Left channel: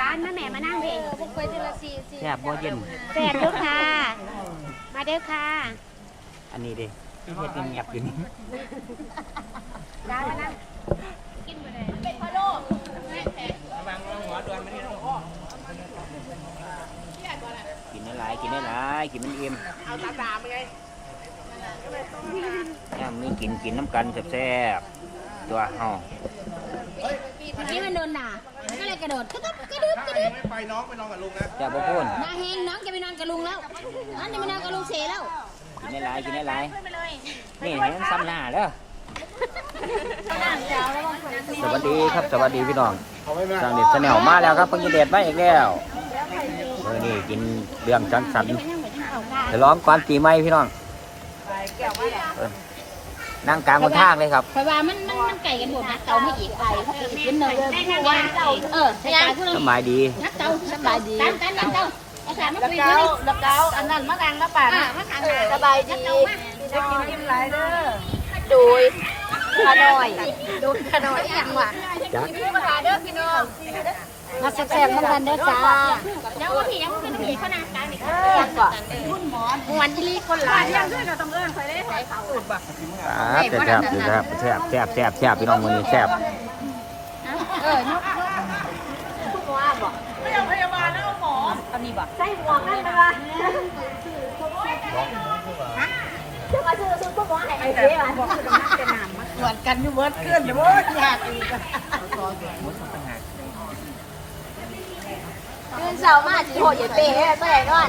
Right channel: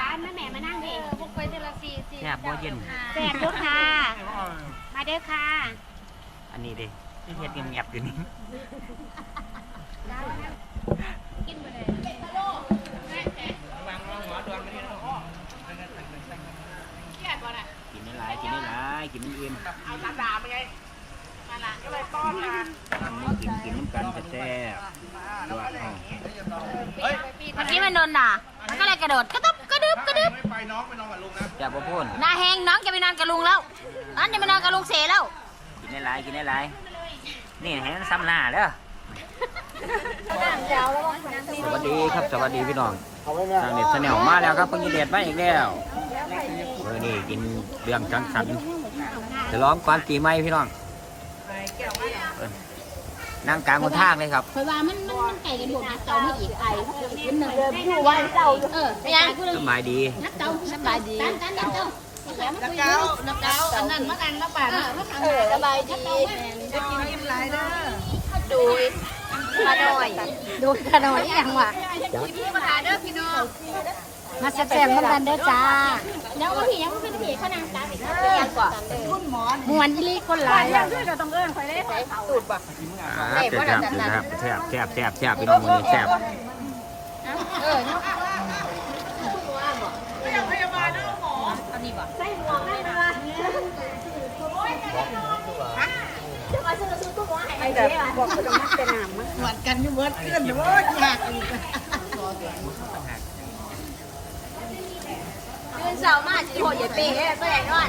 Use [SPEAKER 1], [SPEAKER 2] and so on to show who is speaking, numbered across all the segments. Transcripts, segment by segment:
[SPEAKER 1] ร้านแม่แม่มานั่งเอง
[SPEAKER 2] พวกไปทีละสี่สี่
[SPEAKER 3] แซ่บบ่เย็น
[SPEAKER 1] แซ่บลูกค่ะ มาเด้อค่ะ
[SPEAKER 3] อันนี้ดิที่เฮ็ดเงียบๆอยู่นี่
[SPEAKER 1] ร้านมานั่ง
[SPEAKER 2] กินไปเลย
[SPEAKER 3] กินได้หลายกินได้หลายกินมันอิ่ม
[SPEAKER 4] เอาตาตาไปไงนั่นแหละก็เลยป้อนมา
[SPEAKER 3] น้ำนี่กินกินน้ำกันแซ่บๆตัวเฮา
[SPEAKER 2] นี่มันโดนด่ามันก็เลยกระโดดกระตับกระดึบกระดึบ
[SPEAKER 4] ไม่ไปน้องไปนอนกับลุงนะ
[SPEAKER 3] แซ่บบ่พูน
[SPEAKER 2] หน้าแห้งน้องจะไปนอนกับลุงแล้วน้องจะไปนอนกับลุงเสแล้ว
[SPEAKER 3] กินได้หลายกินได้หลายนี่เห็นซ้ำหน้าเด้อสวัสดีครับสวัสดีพี่น้องทางเด็ดแนลมาแล้วครับเพิ่งจะเด็ดมาอีกแล้วเออนี่กินเรื่องจังสันจะร้องก่อนปีใหม่พี่น้องเออ นั่งกลางบนทางเลยครับ
[SPEAKER 2] เพราะว่ามันมันมันไก่กันหมดนะเตาไม่อีกไก่กินเนื้อผู้ว่าเจ้าเออไม่ยัง
[SPEAKER 3] สบายดี
[SPEAKER 2] นักเตาสบายดีกันกันนักเตาภาษาไม่คุยเลยนักเตาอันนั้นมะกางมะป่าอ่ามะกางอะไรนักเตามา
[SPEAKER 1] ดูขน่อย
[SPEAKER 2] ดูขนมอย่างว่ะกินภาษาเด้อพี่น้อง
[SPEAKER 1] มาแซ่บๆน้ำกันเด้อจ้า
[SPEAKER 2] ยังไม่ผียังไม่ผีขนาดการ
[SPEAKER 1] ยังก่อนคุณห
[SPEAKER 2] มันยี่ลีคนหลายยังด้วยเราต้องเอิ้นคอยได้ใส่เป่า
[SPEAKER 3] ครับแซ่บแซ่บแซ่บแซ่บแซ่บแซ่บพี่น้องมือนี้แซ่บ
[SPEAKER 2] เอาบาลหมออันี่บ่ใช่
[SPEAKER 1] หวานกันอยู่เบิดเพื่อนอยู่เบิดอยากอีก
[SPEAKER 2] คืนเช้ามาสิโหดใหญ่เป้ไปไหนนอน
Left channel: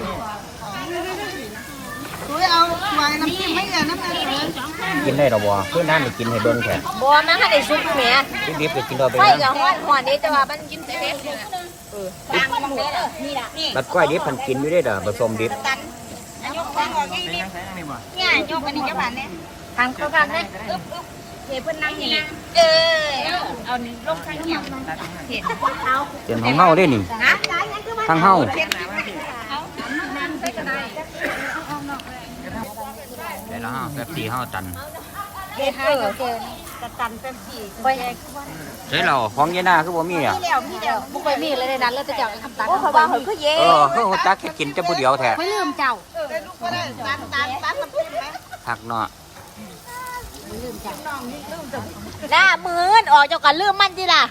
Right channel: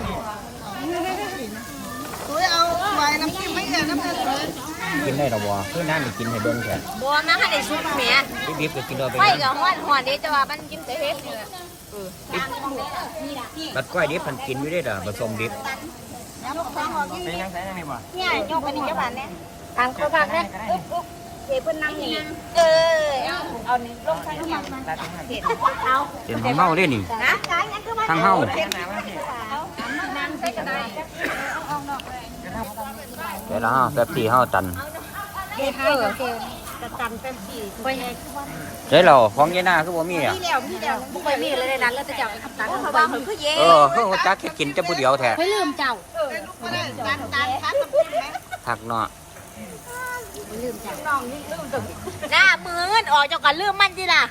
[SPEAKER 1] เอาไม้น้ำจิ้มไม่เงินน้ำตาล
[SPEAKER 3] กินได้ดอกบัวคือน้ำนี่กินให้เบิ่งแท้
[SPEAKER 1] บัวมาให้ได้ซุปแม่
[SPEAKER 3] ดิบๆก็กินได้
[SPEAKER 1] ไฟ
[SPEAKER 3] เบิ่ง
[SPEAKER 1] กับห้อนห้อนนี่แต่ว่ามันกิน
[SPEAKER 2] ตังมองเด้อนี่ล่ะ
[SPEAKER 3] บัดก้อยดิบเพันกินอยู่ได้เด้อผสมดิบ
[SPEAKER 1] ยกของออกนี่เนี่ยยกอันนี้จะผ่านเนี่ยทางคนบ้านเนี่ยอึ๊บอึ๊บเห็นเพิ่นนั่งนี่นั่งเออ
[SPEAKER 2] เอานี่ลงทางอย่างน้อง
[SPEAKER 3] เต็มของเฮาเด้นี่
[SPEAKER 1] นะ
[SPEAKER 3] ทางเฮาแต่ละเฮาแป๊บซี่เฮาตัน
[SPEAKER 1] เฮ็ดเออจะตันเป็นสี่ไปเองคือว่า
[SPEAKER 3] ใช่แล้วของยายนาคือบ่มีอะ
[SPEAKER 1] พี่แล้วพี่แล้วผู้ไปมีอะไรในนั้นแล้วจะเจ้าทำตังโอ้เขาบอกเขาคือเย่
[SPEAKER 3] เออคือฮู้จักแค่กินแต่ผู้เดียวแท้
[SPEAKER 2] ไม่ลืมเจ้า
[SPEAKER 3] ผักเนาะ
[SPEAKER 2] ลืมเจ้า
[SPEAKER 1] หน้ามือนออกจากกันลืมมันจีล่ะ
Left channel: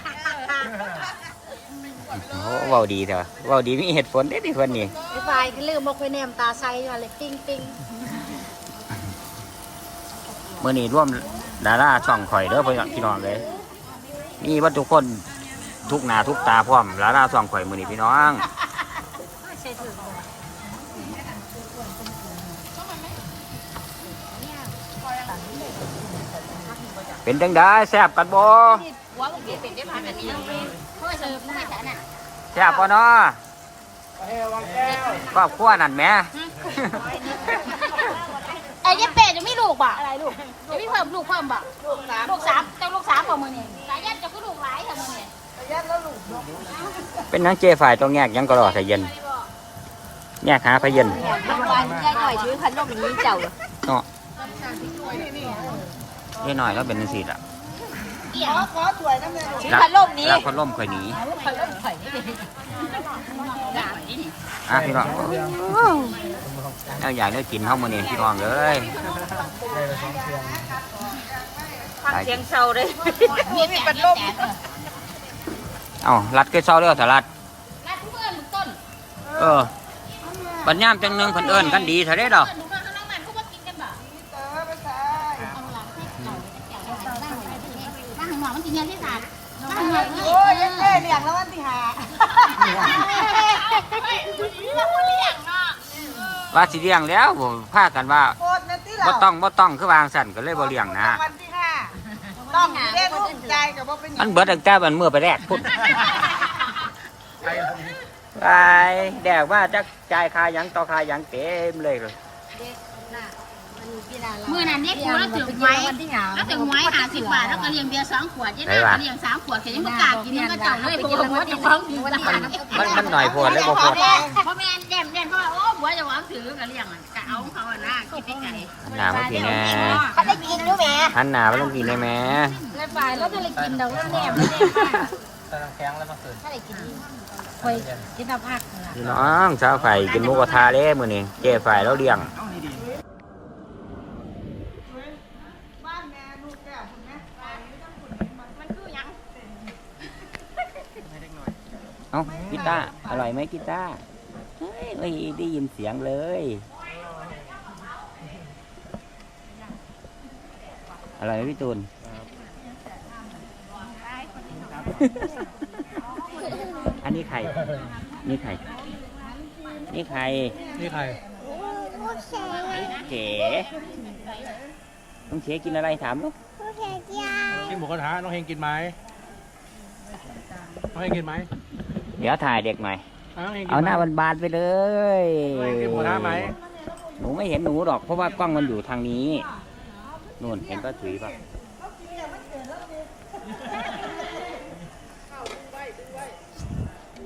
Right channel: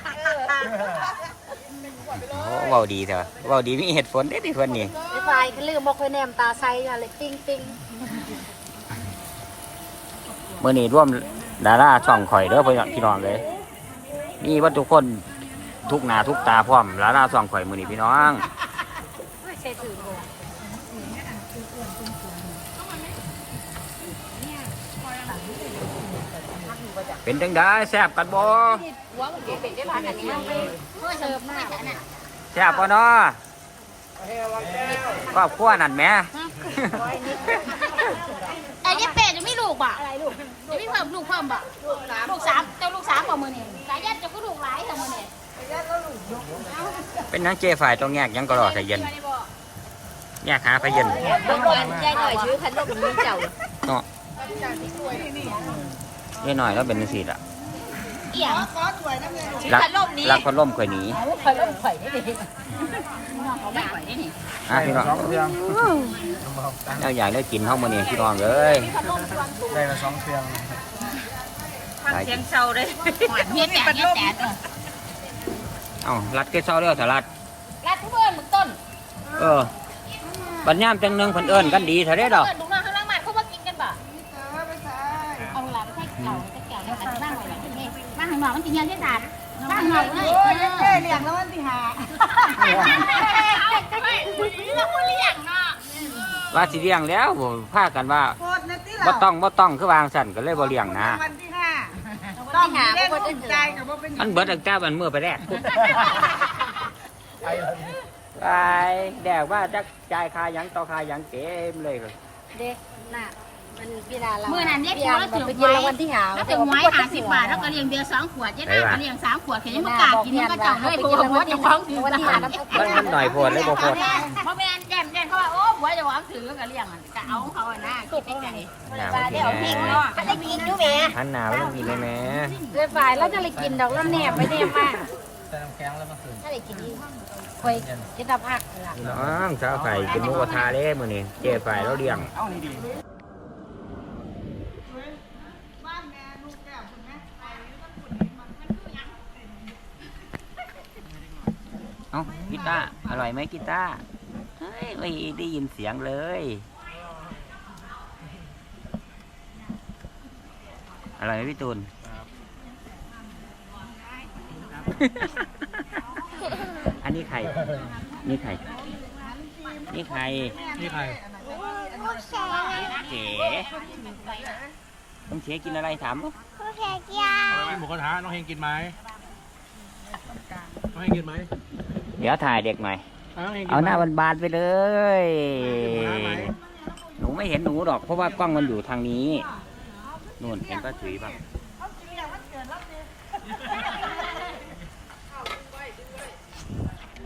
[SPEAKER 3] โอ้เว้าดีเถอะเว้าดีมีเหตุผลเด้ดิเพิ่นนี่
[SPEAKER 1] ไอ้ไฟเขาลืมบอกไปแนมตาใสอะไรติ้งติ้ง
[SPEAKER 3] มื้อนี้ร่วมดาราช่องข่อยเด้อพี่น้องเลยมีว่าทุกคนทุกหน้าทุกตาพร้อมดาราช่องข่อยมื้อนี้พี่น้อง
[SPEAKER 1] ใช่ถือ
[SPEAKER 3] เป็นจังได๋แซ่บกันบ่
[SPEAKER 2] หัวมันเด็กเด็กมันนี่เพื่อเสิร์ฟมาจากน่ะ
[SPEAKER 3] แซ่บบ่เนาะครอบครัวนั่นแหม
[SPEAKER 2] ไอ้ยี่เป็ดจะไม่ลูกบ่อะไรลูกจะไม่เพิ่มลูกเพิ่มบ่ลูกสามเจ้าลูกสามบ่มือนี่สายยัดจะก็ลูกหลายค่ะมือนี่
[SPEAKER 3] เป็นนังเจฝ่ายต้องแยกหยังก็รอใส่เย็นแยกหาพะเย็น
[SPEAKER 1] บางวันยายหน่อยถือพันโลกอย่างนี้เจ้า
[SPEAKER 3] เนาะเว้ยหน่อยแล้วเป็นจังซี่ล่ะ
[SPEAKER 2] เอี่ยง
[SPEAKER 3] รักรักคนล่มข่อยหนี
[SPEAKER 2] เขาเล่นไข่ได้ดิน้องเขาไม่ไหวนี่
[SPEAKER 3] อะพี่น้องเราอยากได้กินเฮามื้อนี้พี่น้องเอ้ย
[SPEAKER 4] ได้ละสองเชียง
[SPEAKER 3] หลาย
[SPEAKER 1] เสียงเศร้าเลย
[SPEAKER 2] เฮ็ดแต่เฮ็ดแต่
[SPEAKER 3] เอ้ารัดก็เซาเด้อถ้ารัด
[SPEAKER 2] รัดทุกเอิ้นมึงต้น
[SPEAKER 3] เออบัดยามจังหนึงเพิ่นเอิ้นกันดีเท่าเด้ดอ
[SPEAKER 2] ว่า
[SPEAKER 3] สิเลี้ยงแล้วบ่พากันว่าบ่ต้องบ่ต้องคือวางสั่นก็เลยบ่เลี้ยงนะ
[SPEAKER 1] ต้องหาเพราะคนจะถือ
[SPEAKER 3] มันเบิดตั้งแต่มันเมื่อไปแรกพุด
[SPEAKER 4] ไปแล้วนี่
[SPEAKER 3] ไปแดกว่าจักจ่ายค่าหยังต่อค่าหยังเต็มเลย
[SPEAKER 1] เด็ก
[SPEAKER 2] เมื่อนั้นเด็กเราถึงไว้เราถึงไว้ห้าสิบบาทแล้วก็เลี้ยงเบียร์สองขวดยังได้เลี้ยงสามขวดแค่ยังไม่กล้ากินมันก็จ่ายเลยเพราะว่าจะฟังถือ
[SPEAKER 1] วัน
[SPEAKER 2] นะ
[SPEAKER 1] ที่
[SPEAKER 2] คะ
[SPEAKER 1] หาน้ำ
[SPEAKER 3] มันมันหน่อยโพดเลยบ่โพด
[SPEAKER 2] เพราะแม่แก้มแก้มเพราะว่าโอ้หัวจะวางถือกันเลี้ยงจะเอาเขาอะนะคิดไม่ไกล
[SPEAKER 3] หน้ามันสิแน่
[SPEAKER 1] เขาได้กินด้วยแม่
[SPEAKER 3] หันหน้ามันสิแน่แหม่
[SPEAKER 1] เรียบร้อยแล้วจะเลยกินดอกแล้วแนบแนบมา
[SPEAKER 4] ถ
[SPEAKER 2] ถ้าได้กินไม่กินตะภาค
[SPEAKER 3] พี่น้องชาวไข่กินหมูกระทะเด้มื้อนี้เจ๊ไฝ่แล้วเลี้ยง
[SPEAKER 4] บ้านแม่ลูกแก้วคุณแม่ไปต้องขุนนี้มา
[SPEAKER 2] มันคือยัง
[SPEAKER 3] เอ้ากีตาร์อร่อยไหมกีตาร์เฮ้ยไม่ได้ยินเสียงเลย อร่อยไหมพี่ตูนอันนี้ไข่นี่ไข่นี่ไข่
[SPEAKER 5] นี่ใคร
[SPEAKER 3] เจ๋น้องเฉกินอะไรถามลูก
[SPEAKER 5] กินหมูกระทะน้องเฮงกินไหมน้องเฮงกินไหม
[SPEAKER 3] เดี๋ยวถ่ายเด็กหน่อย
[SPEAKER 5] อะน้องเฮงกิน
[SPEAKER 3] เอาหน้า
[SPEAKER 5] ไหม
[SPEAKER 3] บานๆไปเลย
[SPEAKER 5] กินหมูกระทะไหม
[SPEAKER 3] หนูไม่เห็นหนูหรอก เพราะว่ากล้องมันอยู่ทางนี้นู่นเห็นป้าถุยป่ะ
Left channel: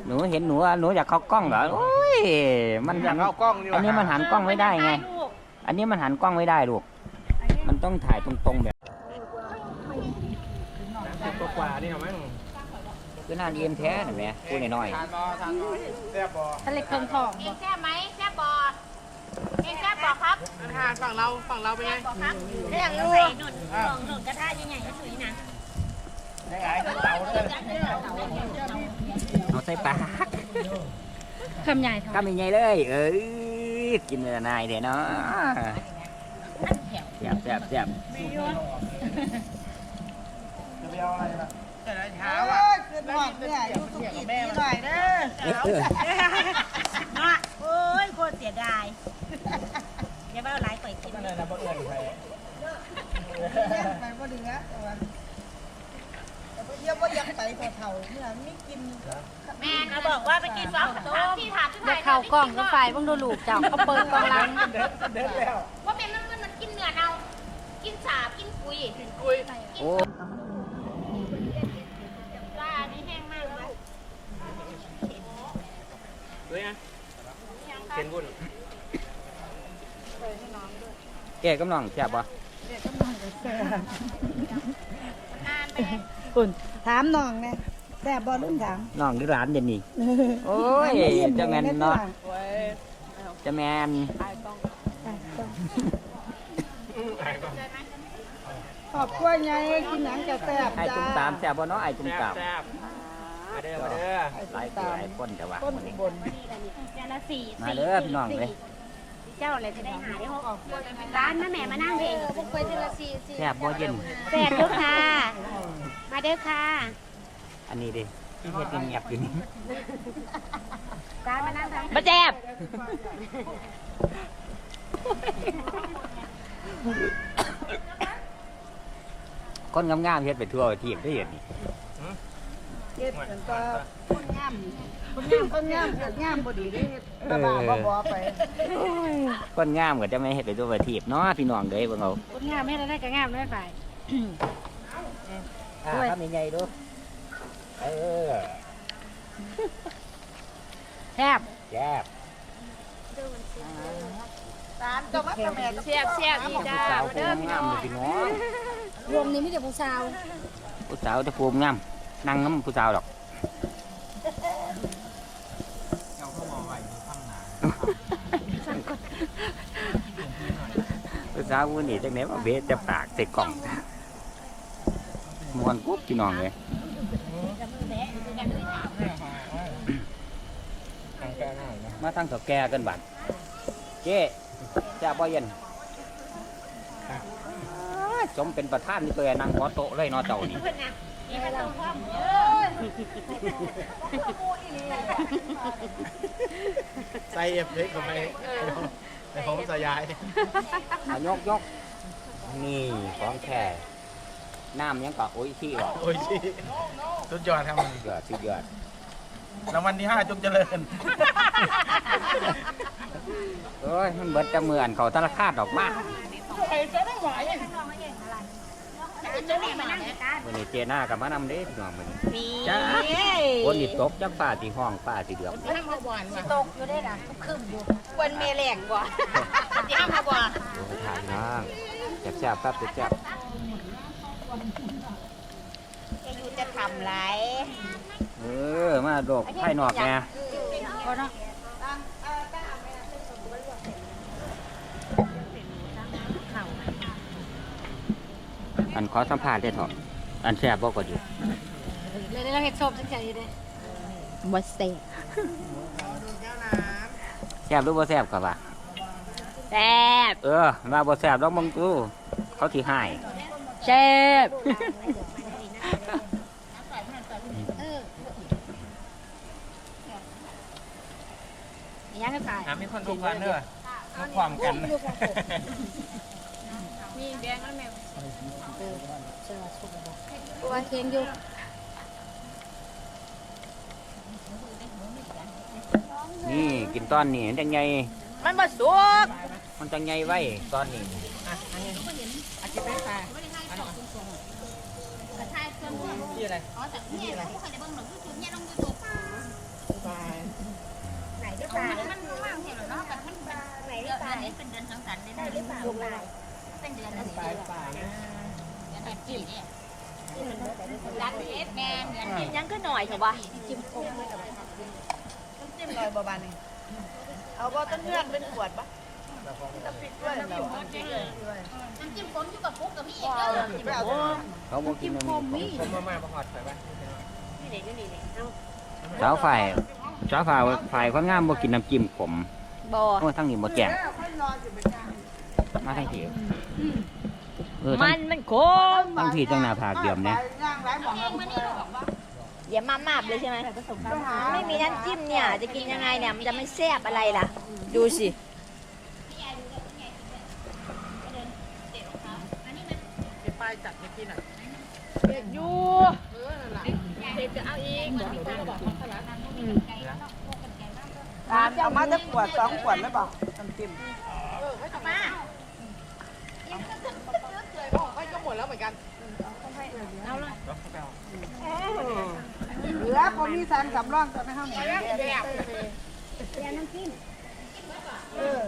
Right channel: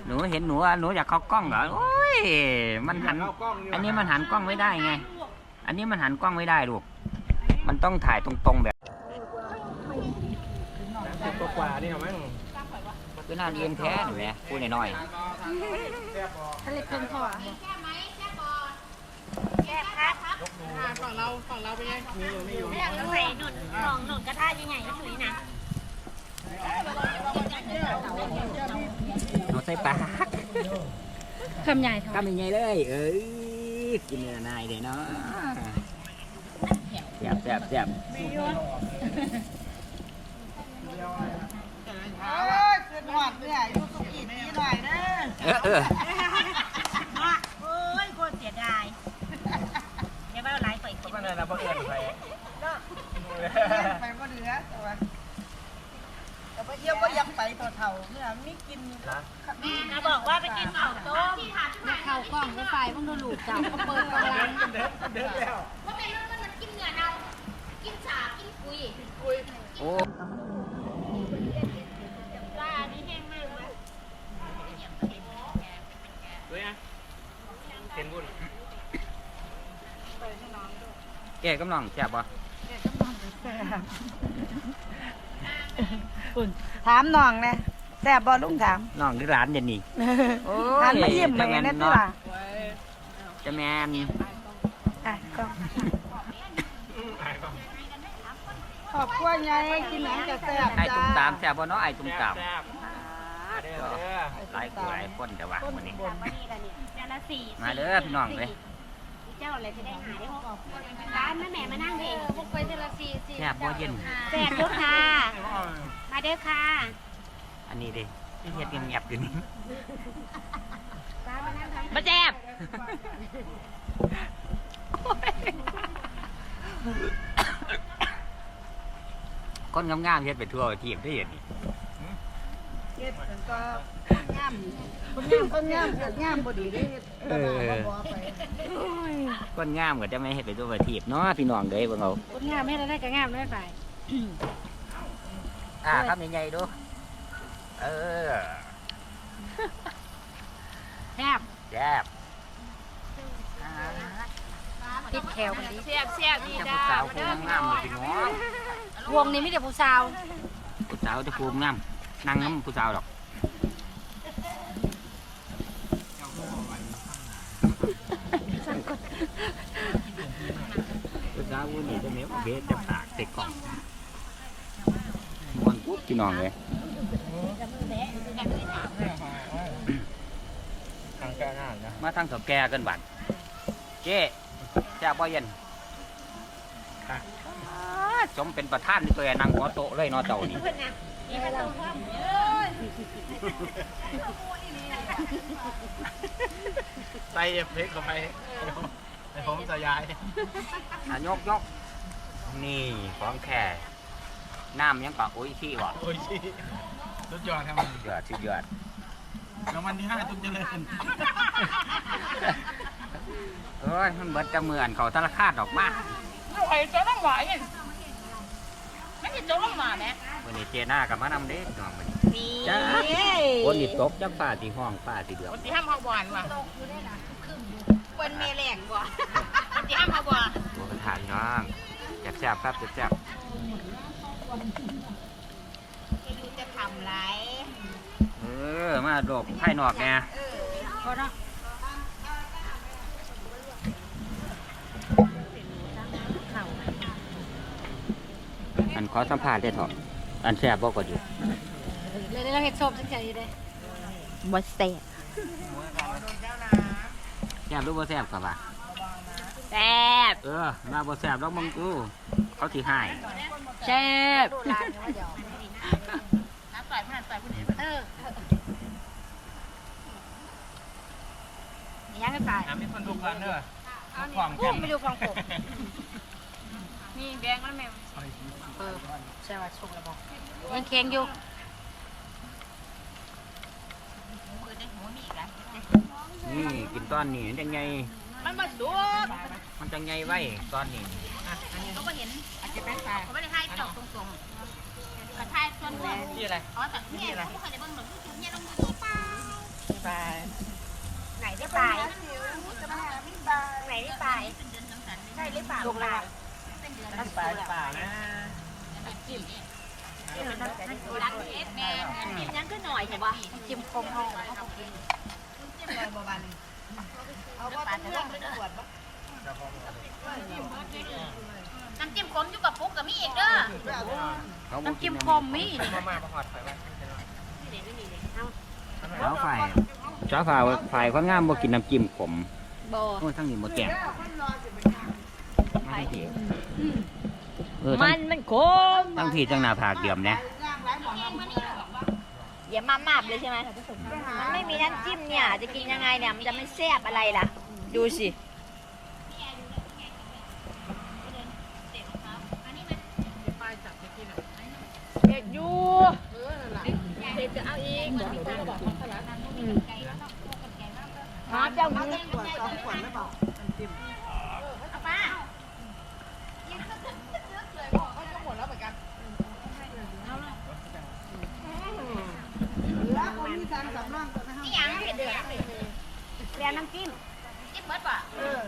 [SPEAKER 3] หนูเห็นหนูอะหนูอยากเข้ากล้องเหรอโอ้ยมันหัน
[SPEAKER 5] เอากล้องดีกว่า
[SPEAKER 3] อันนี้มันหันกล้องไม่ได้ไง อันนี้มันหันกล้องไม่ได้ลูก มันต้องถ่ายตรงๆแบบ
[SPEAKER 5] ตัวกว่านี่เหรอมั้ง
[SPEAKER 3] คือหน้าเรียนแท้เห็นไหมพูดหน่อย
[SPEAKER 5] แซ่บบ่
[SPEAKER 2] ทะเลเครื่องทอดกินแค่ไหมแค่บอกินแค่บอครับ
[SPEAKER 4] ทางฝั่งเราฝั่งเราเป็นไง
[SPEAKER 2] เรื่องใส่หนุนลองหนุนกระทะยังไงก็ถือนะ
[SPEAKER 3] ๆเอาใส่ปาก
[SPEAKER 2] คำใหญ่ทอด
[SPEAKER 3] กำยังไงเลย เอ้ยกินเลยนายเดี๋ยวเนาะแซ่บแซ่บแซ่บ
[SPEAKER 4] เอ้ย ขึ้นหอดเนี่ยอยู่สุกิดีหน่อยเด้อ
[SPEAKER 3] เออเออ
[SPEAKER 1] โอ้ยโคตรเสียดายอย่าว่าหลายไปกิน
[SPEAKER 5] มันอะไรนะบ่เอื่นใคร
[SPEAKER 4] ไปบ่เหลือแต่ว่าแต่ว่าเยี่ยมว่าอยากไปตัวเถ่าเนี่ยไม่กิน
[SPEAKER 1] แม่นะบอกว่าไปกินข้าต้ม
[SPEAKER 2] ที่ถามจะเข้ากล้องก็ไฟบ้างดูลูกจับเขาเปิดกล้องร้าน
[SPEAKER 5] เดินเดินแล้ว
[SPEAKER 2] ว่าเป็นมันมันกินเนื้อเอากินสาบกินปุย
[SPEAKER 3] โอ้
[SPEAKER 2] ปลานี่แห้งมากเลย
[SPEAKER 5] ด้วยนะเห็นบุญ
[SPEAKER 3] แกกำลังแซ่บปะ
[SPEAKER 4] คุณถามน้องนะแต่บอลุงถาม
[SPEAKER 3] น้องหรือหลานเดี๋ยวนี้โอ้
[SPEAKER 4] ถาม
[SPEAKER 3] ย
[SPEAKER 4] มาเยี่ยม
[SPEAKER 3] จะ
[SPEAKER 4] แม่
[SPEAKER 3] แมน
[SPEAKER 4] นะที่
[SPEAKER 3] เนาะ
[SPEAKER 4] ว่า
[SPEAKER 3] จะแมน
[SPEAKER 4] อะก็ขอบคุณยายกินหนังจะแซ่บ
[SPEAKER 3] ไอ้ตุ้ม
[SPEAKER 4] จ้า
[SPEAKER 3] ตามแซ่บปะเนาะไอ้ตุ้มตาม
[SPEAKER 5] แซ่บมา เด้อมาเด้อ
[SPEAKER 3] หลายคนหลายคนแต่ว่า
[SPEAKER 4] ต้น
[SPEAKER 3] วันนี้
[SPEAKER 4] บน
[SPEAKER 2] นี่แหละนี่จานละสี่
[SPEAKER 3] มาเด้อพี่น้องเลย
[SPEAKER 2] เจ้าอะไรจะได้หาได้หกออกร้านแม่แม่มานั่งเองพวกไปจานละสี่สี่
[SPEAKER 3] แซ่บบ่เย็น
[SPEAKER 2] แปดลูกค่ะ มาเด้อค่ะ
[SPEAKER 3] อันนี้ดิที่เฮ็ดเงียบๆอยู่นี่
[SPEAKER 2] ร้านมานั่งทำ
[SPEAKER 1] มาแจ๊บ
[SPEAKER 3] คนงามๆเฮ็ดไปทั่วทีมได้เห็นนี่
[SPEAKER 4] เฮ็ดมันก็คนงามคนงามคนงามเฮ็ดงามบ่ดีเด้เฮ็ดกระบะบ่บ่ไป
[SPEAKER 3] คนงามก็จะไม่เฮ็ดไปทั่วทีมเนาะพี่น้องเด้อเบิ่งเอา
[SPEAKER 2] คนงามไม่ได้ก็งามได้ฝ่าย
[SPEAKER 3] อ่าครับใหญ่ๆดู เออ
[SPEAKER 2] แซ่บ
[SPEAKER 3] แซ่บ
[SPEAKER 2] ติดแถว
[SPEAKER 1] เสียบเสียบดี
[SPEAKER 3] ผู้
[SPEAKER 1] จ้า
[SPEAKER 3] สาวผู้งามๆเลยพี่น้อง
[SPEAKER 2] วงนี้ไม่แต่ผู้สาว
[SPEAKER 3] ผู้สาวจะภูมิงาม นั่งน้ำผู้สาวหรอกผู้สาววันนี้จังไหนมาเบสจะปากเสร็จกล่องมวนปุ๊บพี่น้องเลย
[SPEAKER 5] ทางแก้หน้านะ
[SPEAKER 3] มาทางเถาแก่กันบัดเจ๊จ้าบ่เย็นอ่าจมเป็นประธานนี่ตัวนั่งหัวโต๊ะเลยเนาะเจ้านี่
[SPEAKER 5] ใส่เอฟเฟกต์เข้าไปไอ้ผมสยาย
[SPEAKER 3] อะยกยกนี่ของแค่น้ำยังก็โอ้ยขี้วะ
[SPEAKER 5] โอ้ยชิสุดยอดครับ
[SPEAKER 3] ยอดสุดยอด
[SPEAKER 5] รางวัลที่ห้าจงเจริญ
[SPEAKER 3] เอ้ยมันเบิดจะเหมือนเขาธนาคารดอกมา
[SPEAKER 1] ไข่เจ้าต้องหวายไม่ใช่เจ้าต้องมาไหม
[SPEAKER 3] วันนี้เจน่ากับมานำเด้พี่น้องวันนี้
[SPEAKER 1] นี่
[SPEAKER 3] จ้าคนนี่ตกจักป้าสีห้องป้าสีเดือด
[SPEAKER 1] คนที่ห้ามเขาหวานว่ะ
[SPEAKER 2] ตกอยู่ด้วยนะขึ้นอยู่
[SPEAKER 1] วันเมแหลกกว่าคนที่ห้ามเขาหวาน
[SPEAKER 3] ดูทานน้องแซ่บๆครับแซ่บ
[SPEAKER 2] จะอยู่
[SPEAKER 1] จะทำไร
[SPEAKER 3] เออมาโดกไผ่นอกแน่
[SPEAKER 1] พอเนาะ
[SPEAKER 3] อันขอสัมภาษณ์ได้เถอะอันแซ่บบ่ก็อยู่
[SPEAKER 2] เลยเราเห็ดชอบจังใจเลย
[SPEAKER 1] บ่แซ่บ
[SPEAKER 3] แซ่บหรือบ่แซ่บก็ว่า
[SPEAKER 1] แซ่บ
[SPEAKER 3] เออมาบ่แซ่บดอกมึงกูเขาสิหาย
[SPEAKER 1] แซ่บ
[SPEAKER 2] เออยังให้ไป
[SPEAKER 5] ถามมีคนทุกวันเด้อทุกความกัน
[SPEAKER 1] ไปดูความกบ มีแดงแล้วแม่
[SPEAKER 2] ใช่ว่าชุกแล้วบอกยังเค็งอยู่
[SPEAKER 3] นี่กินตอนนี้มันจังไง
[SPEAKER 1] มันบ่สุก
[SPEAKER 3] มันจังไงไว้ตอนนี้
[SPEAKER 1] อาจจะเป็นปลา
[SPEAKER 2] เขาไม่ได้ให้สองตรงๆกระชายส่วนหัว
[SPEAKER 5] ที่อะไร
[SPEAKER 2] อ๋อแต่เนี่ยผู้ใครจะเบิ่งหรอกยูทูบเนี่ยลงยูทูบป่า
[SPEAKER 1] ปลาไหนได้
[SPEAKER 2] ป
[SPEAKER 1] ป
[SPEAKER 2] ลา
[SPEAKER 1] ลา
[SPEAKER 2] มันว่างเห็นเนาะแต่มันปลาไหนได้ปลาเป็นเดือนสังสรรค์เลย
[SPEAKER 1] ได้หรือเปล่าลูกลาย
[SPEAKER 2] เป็นเดือน
[SPEAKER 1] น้ำปลาปลานะ
[SPEAKER 2] จิ้มเนี่ย
[SPEAKER 1] ที่มันได้ได้
[SPEAKER 2] รักเอสแมนเดือน
[SPEAKER 1] จิ้มยังก็หน่อยใช่ปะจิ้มคงเข้า
[SPEAKER 4] จิ้มลอยบาๆหนึงเอาบ่ต้องเลือกเป็นขวดบ่
[SPEAKER 2] น้ำจิ้มขมอยู่กับปุ๊กกับมีอีกเด้อ
[SPEAKER 4] ไม่เอาตัว
[SPEAKER 3] เขาบ่กินน้ำมี
[SPEAKER 5] มามาประหอดไฟบ้าง
[SPEAKER 1] นี่นี่นี่นี่เอา
[SPEAKER 3] สาวฝ่ายสาวฝ่ายฝ่ายคนงามบ่กินน้ำจิ้มขม
[SPEAKER 1] บ่
[SPEAKER 3] โอ้ทั้งนี้บ่แก่
[SPEAKER 4] มันรอสิเป็นงาน
[SPEAKER 3] มาทั้งทีเออทั้
[SPEAKER 1] มั
[SPEAKER 3] ง
[SPEAKER 1] นมันคม
[SPEAKER 3] ทั้งทีทั้งหน้าผากเดียมเนี่ย
[SPEAKER 4] ย่างหลายหม่องเอา
[SPEAKER 1] อย่ามามาบเลยใช่ไหมมันไม่มีน้ำจิ้มเนี่ย จะกินยังไงเนี่ย มันจะไม่แซ่บอะไรล่ะ ดูสิ เด็กอยู่เด็กจะเอาเองหา
[SPEAKER 4] น้ำ
[SPEAKER 1] เจ้า
[SPEAKER 4] เอา
[SPEAKER 1] มา
[SPEAKER 4] มา
[SPEAKER 1] จะ
[SPEAKER 4] จะขวดสองขวดแล้วบ่น้ำจิ้ม
[SPEAKER 2] ป้า
[SPEAKER 4] เหลือคนมีสามสำรองตัวในห้อง
[SPEAKER 1] เรียนน้ำจิ้ม
[SPEAKER 2] จิ้มเบิดป่ะ
[SPEAKER 4] เออ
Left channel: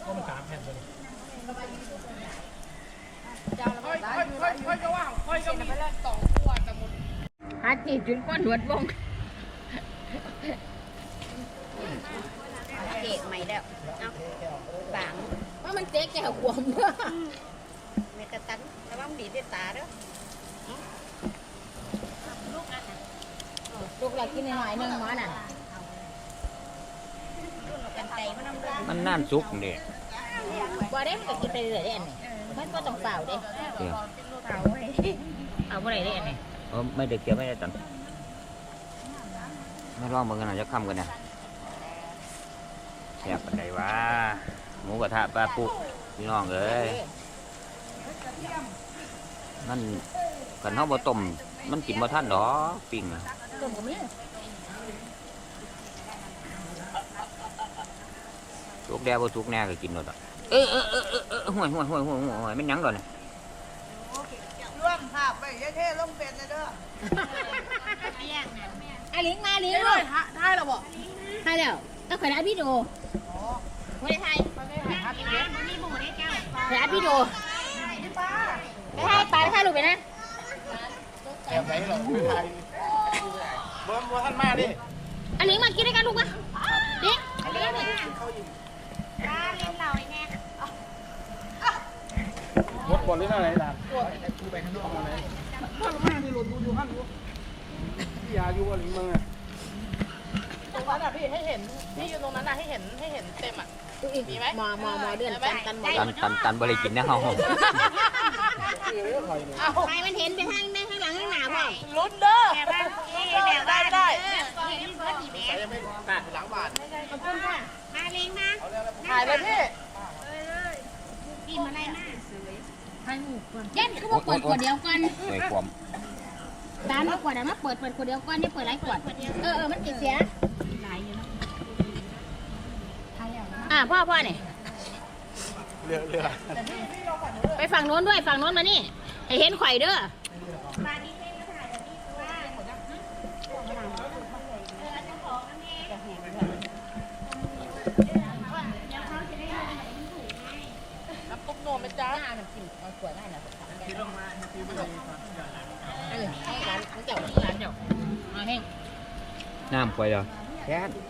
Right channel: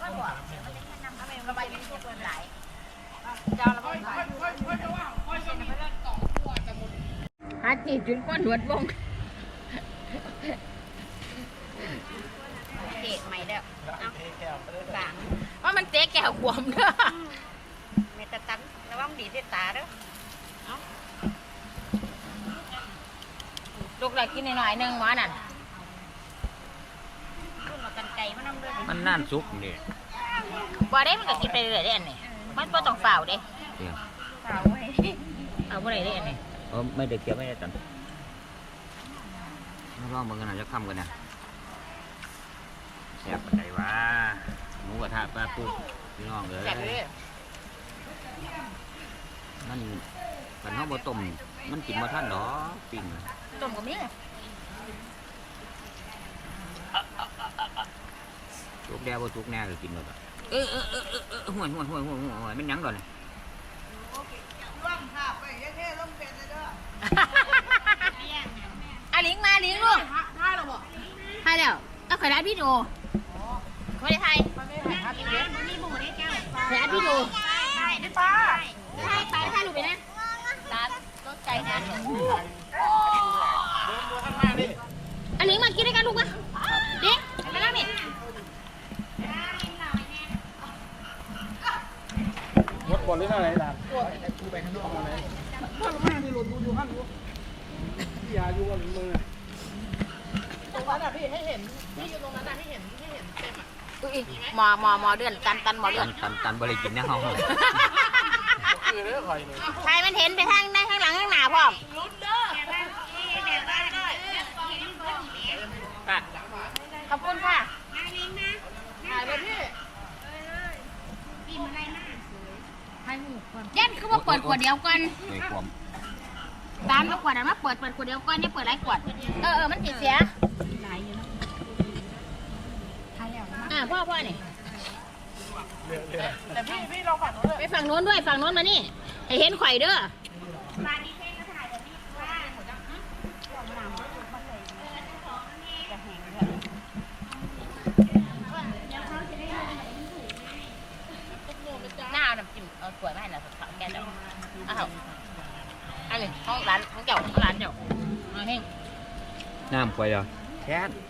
[SPEAKER 5] ต้มสามแผ่นตัวนี้
[SPEAKER 1] หาจีบจนก้อนหนวดวงเกะใหม่แล้วเอาฝัง
[SPEAKER 2] ว่ามันเจ๊แก้วขวมเด้อ
[SPEAKER 1] เมตาตันระวังดีด้วยตาเด้อ
[SPEAKER 2] ลูกเรากินหน่อยๆนึงหมอน่ะ
[SPEAKER 1] รุ่นเรากันไก่มันน้ำเลือด
[SPEAKER 3] มันน่านสุกนี่
[SPEAKER 2] บ่ได้มันก็กินไปเรื่อยๆเด้อันนี้มันบ่ต้องเฝ้าเด้
[SPEAKER 3] เดี๋ยว
[SPEAKER 1] เปล่าเว้ย
[SPEAKER 2] เอาบ่ได้เด้อันนี้
[SPEAKER 3] เออไม่ได้เกี่ยวไม่ได้ตันมาลองมึงกันหน่อยจะคำกันนะแซ่บปันใดวะ หมูกระทะปลาปุกพี่น้องเอ้ยนั่นกันเฮาบ่ต้มมันกินบ่ทันดอกปิ้งน่ะ
[SPEAKER 2] ต้มก็มี
[SPEAKER 3] สุกแด่บ่สุกแน่ก็กินหมดอะเออเออเออเออเออห่วยห่วยห่วยห่วยห่วยห่วยมันหยังดอกนี่
[SPEAKER 4] ร่วมภาพไปยายเท่ลงเป็นเลยเด้อ
[SPEAKER 2] อะลิงมาลิงลูก
[SPEAKER 4] ได้แล้วบ่
[SPEAKER 2] ให้แล้วก็ขอได้พี่โด ไม่ได้ไทย
[SPEAKER 4] มันไม่หาที่เด็ด
[SPEAKER 2] ขอได้พี่โด
[SPEAKER 4] พี่ป้า
[SPEAKER 2] ได้ไทยปลาได้ไทยลูกไปนะ
[SPEAKER 5] ใจไหนหรอเบิ้มบัวท่านมาดิ
[SPEAKER 2] อะลิงมากินด้วยกันลูกมาเด็กไปแล้วนี่
[SPEAKER 5] หมดบอลหรืออะไรล่ะกูไปข้างนอกมาเลยข้างมาที่หลุดดูอยู่ข้างดูพี่ยาอยู่กันมึงอะ
[SPEAKER 4] ตรงนั้นอะพี่ให้เห็นพี่อยู่ตรงนั้นอะให้เห็นให้เห็นเต็มอะ
[SPEAKER 2] หมอหมอหมอเดือนตันตันหมอเดื
[SPEAKER 3] ตั
[SPEAKER 2] อน
[SPEAKER 3] นตันตันบ่ได้กินแน่เฮา
[SPEAKER 5] คือเรื่องคอยนี่
[SPEAKER 2] ใครมันเห็นไปทางด้านข้างหลังข้างหน้าพ่อ
[SPEAKER 4] ลุ้นเด้อได้ได้
[SPEAKER 2] ขอบคุณค่ะ
[SPEAKER 4] ถ่ายเลยพี่
[SPEAKER 2] ยันคือว่าเปิดขวดเดียวกัน
[SPEAKER 3] ในความ
[SPEAKER 2] ตามมาขวดนั้นมาเปิดเปิดขวดเดียวกันอย่าเปิดหลายขวด เออเออมันติดเสียอ่า พ่อพ่อนี่
[SPEAKER 5] เรื่องเรื่อง
[SPEAKER 4] แต่พี่พี่ลองฝั่งนู้นด้วย
[SPEAKER 2] ไปฝั่งโน้นด้วยฝั่งโน้นมานี่ให้เห็นข่อยเด้อ
[SPEAKER 4] ปุ๊บโนมไปจ้า
[SPEAKER 2] หน้าน้ำจิ้มเอาขวดมาให้หน่อยถังแกนเอาอันนี้เอาแห้ง
[SPEAKER 3] น้ำไปเหรอแค่น
[SPEAKER 1] หา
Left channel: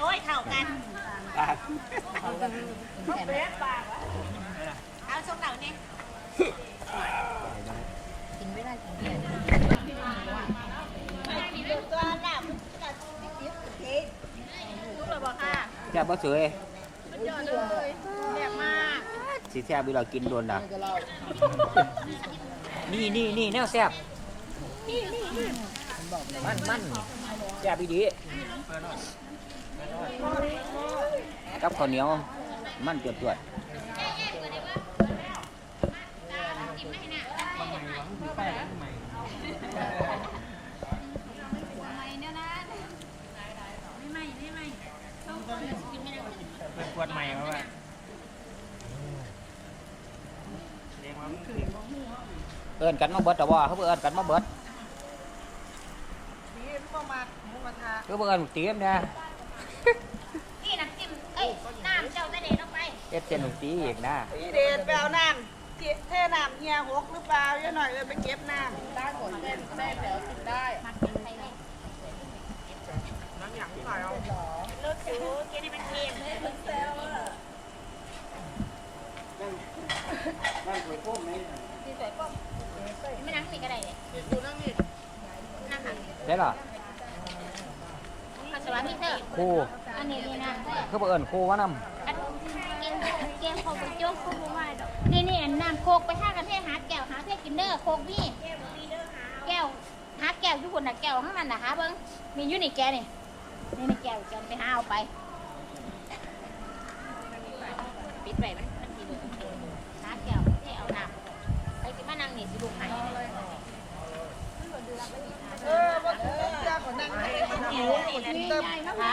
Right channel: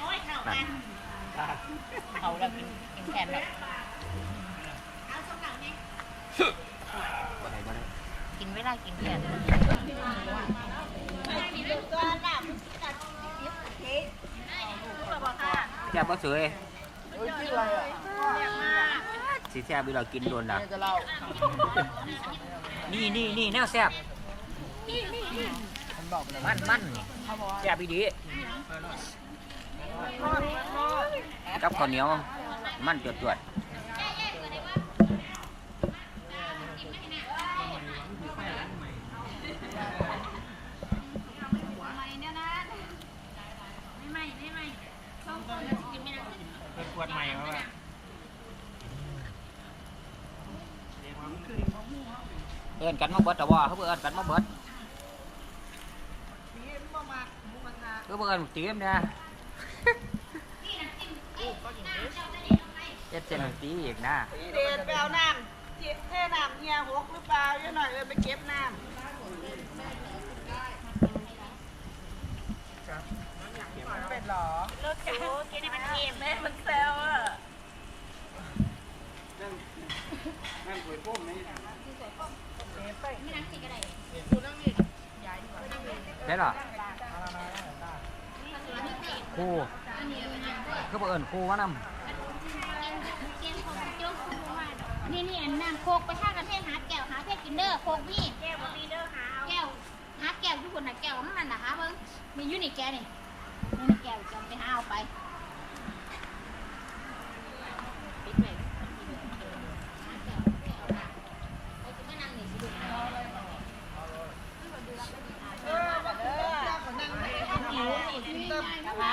[SPEAKER 1] โอ้ยเท่ากัน
[SPEAKER 2] เขาแล้วกินแทน
[SPEAKER 1] เอาส้มเหล่านี้
[SPEAKER 2] กินไม่ได้กินแทน
[SPEAKER 1] ตัวหลับตัดติ๊บเค้กลูกเราบอกค่ะ
[SPEAKER 3] แซ่บบ่สวยสี
[SPEAKER 1] แซ่บมาก
[SPEAKER 3] สิเวลากินโดนด่ะนี่นี่นี่แนวแซ่บมันมันแซ่บอีดี กับข้าวเหนียวมันจวดจวด
[SPEAKER 5] เป็นขวดใหม่ครับว่า
[SPEAKER 3] เอิ้นกันมาเบิดแต่ว่าเขาบ่เอิ้นกันมาเบิด
[SPEAKER 4] สีมันบ่มักหมูกระทะ
[SPEAKER 3] คือบ่เอิ้นเตรียมนะ
[SPEAKER 1] นี่น้ำจิ้ม เอ้ยน้ำเจ้าได้เลยลงไป
[SPEAKER 3] เฮ็ดเส้นตีอีกนะ
[SPEAKER 4] สีเดชไปเอาน้ำเจ๊เทน้ำเฮียหกหรือเปล่าเยอะหน่อยเลยไปเก็บน้ำได้หมดเป็นแม่แล้วกินได้น้ำหยังหน่อยเป็นหรอ
[SPEAKER 1] รสจูกินให้มันเค็มแม่มันแซวอะ
[SPEAKER 5] นั่งคุยพ่มไหม
[SPEAKER 2] ไม่นั่งสิก็ได้เลย
[SPEAKER 5] ดูนั่งนี่
[SPEAKER 3] ได้หรอ
[SPEAKER 2] ปัสสาวะนี่เถอะ
[SPEAKER 3] ครู
[SPEAKER 2] อั นนี้เลยนะ
[SPEAKER 3] คือบ่เอิ้นครูว่านำ
[SPEAKER 2] เกมของโจ๊กคุณผู้ว่าดอกนี่นี่น้ำโคกไปห้ากันเทศหาแก้วหาเทศกินเด้อโคกพี่
[SPEAKER 1] แก้วบะหมี่เด้อหาเอา
[SPEAKER 2] แก้วหาแก้วทุกคนนะแก้วข้างมันนะหาเบิ้งมีอยู่นี่แก้วนี่นี่นี่แก้วแก้วไปหาเอาไปปิดไปไหมมันกินหาแก้วให้เอาน้ำไปกินมานั่งนี่สิลูกไหน
[SPEAKER 4] เออว่าถูกเจ้าของนั่งให้มันหิวกินเติมนะคะ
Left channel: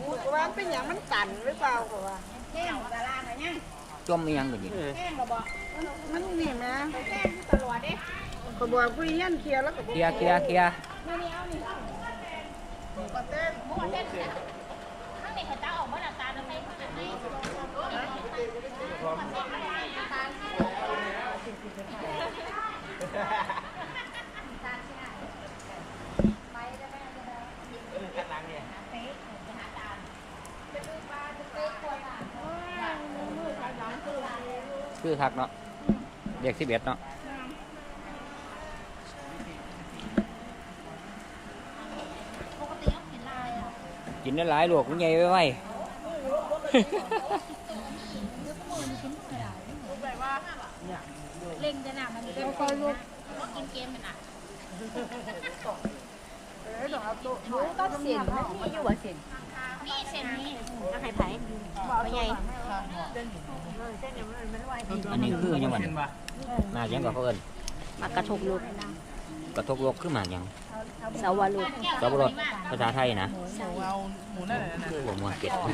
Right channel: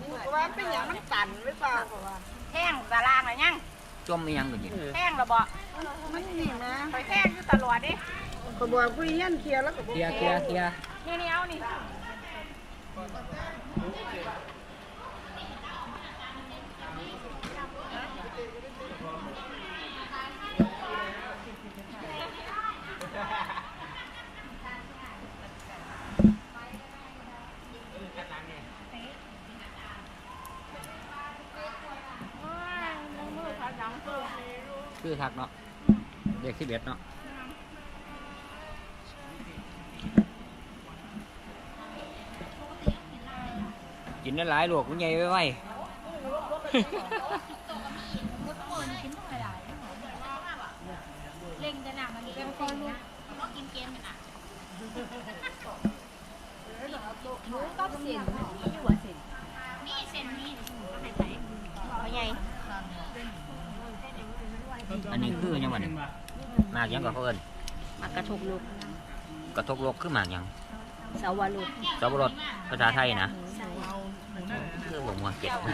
[SPEAKER 4] หมูกระว่าเป็นอย่างมันตันหรือเปล่าก็ว่า
[SPEAKER 2] แห้งตารางอะไรยัง
[SPEAKER 3] จมอีหยังก็ยิ
[SPEAKER 2] แห้งระบ่
[SPEAKER 4] มันนี่นะ
[SPEAKER 2] ไปแห้งอยู่ตลอดเด้
[SPEAKER 4] เขาบอกผู้เฮียนเคลียร์แล้วก็บอก
[SPEAKER 3] เคลียร์เคลียร์เคลียร์
[SPEAKER 2] นี่นี่เอานี่นี่ตาออกมาตาทำไม
[SPEAKER 3] คือคักเนาะเด็ก11เนาะ
[SPEAKER 2] ปกติเอากินาะ
[SPEAKER 3] กินได้หลายลวกมันใหญ่ไว้ไว้
[SPEAKER 2] เล่งจะหนามันเป็นคนลูกก็กินเกมกันอะ
[SPEAKER 1] หมูกับเส้นมันมีอยู่บ่เส้น
[SPEAKER 2] นี่เส้นนี้
[SPEAKER 1] เอาให้ไผพ่อใหญ่
[SPEAKER 3] อันนี้คือหยังมันมากหยังก็เขาเอิ้น
[SPEAKER 1] มากระทกลูก
[SPEAKER 3] กระทกโลกคือหมากหยัง
[SPEAKER 1] สาวลูก
[SPEAKER 3] สับปะรดภาษาไทยนะ
[SPEAKER 1] ใส่
[SPEAKER 3] คือบ่ม่วนเก็ดค